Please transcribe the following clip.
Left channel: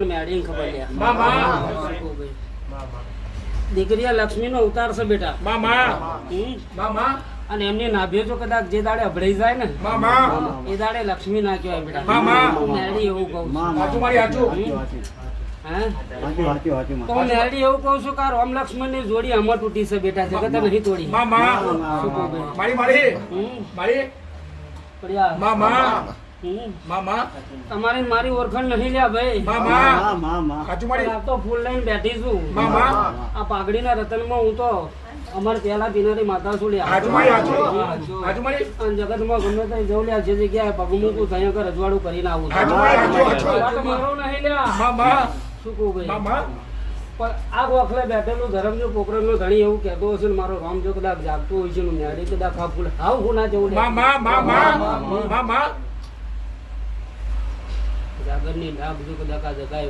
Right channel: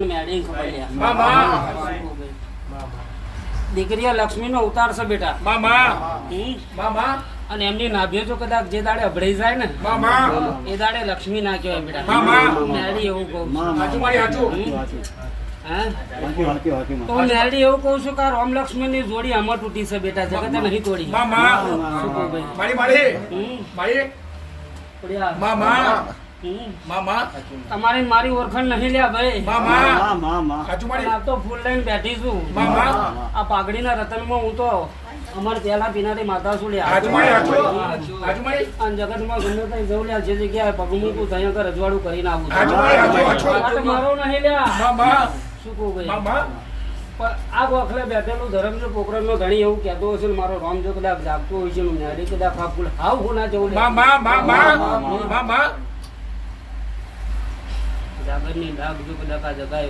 મેડીને ખબર લે દીકરીયા લક્ષ્મી નો અવતાર છે બેટા. અને એમની નાભીઓ જો કદાચ જે દાડે અભડાઈ જાય ને એ દાડે લક્ષ્મી ના કહેવાય બેટા. મેડી એવું કહું તો મેડી એવું કહું છું કે રામ લક્ષ્મણ ની જોડી આમાં તૂટી છે બેટા, જગત નહીં તોડી. તમારી મારી ઓળખાણ નહીં લ્યા ભાઈ. તો ફૂલ લઈને બેઠી છું. આ પાઘડી ના રતન માં હું તો અમારે પેલા પીનારી માતા છું લ્યા. જગત માં ગમે ત્યાં જવું લ્યા, જે જગ્યાએ પગ મૂકું ત્યાં આગળ રજવાડું કરીને આવું. મારો નહીં લ્યા. શું કહું ભાઈ? પણ આ ગોખલે બેઠેલું ધર્મ જો પોકરણ નો ધણી એવું કહેતો હશે ને મારો રામ જો કદાચ જાગતો હોય છે, ન્યારી કદાચ ફૂલ હાવ હું ના જવું જાગર ની ડાક જો કદાચ આ જગાય